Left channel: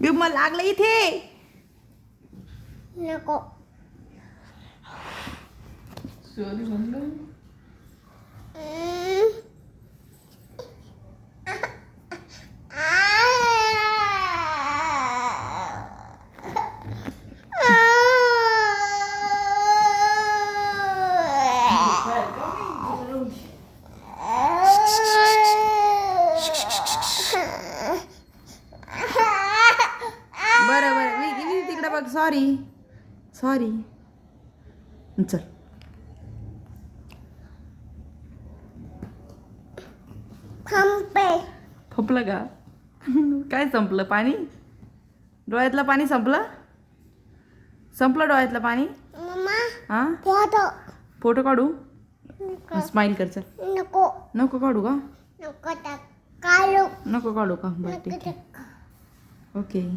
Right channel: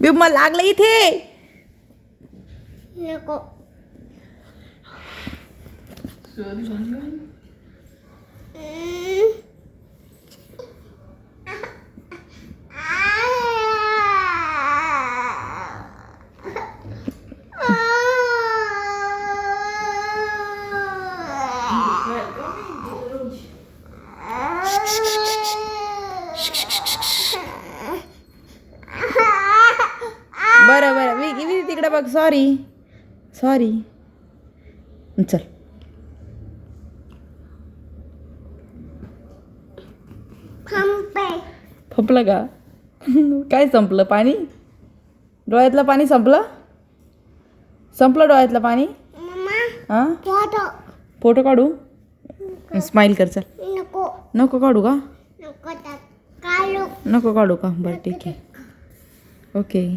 मला लागलं इथे. नको. बरं बरं मी तिकडे बघ. Sorry sorry. चल. संपलं का? काय संपलं? पाणी? डोळ्यातलं पाणी संपलं? संपलं डोळ्यातलं पाणी? हां, फोटो काढू? स्माइल कर. चल. नको. नको काढू का? नको काढू. नको काढू का? बरं ठीक आहे. ओके.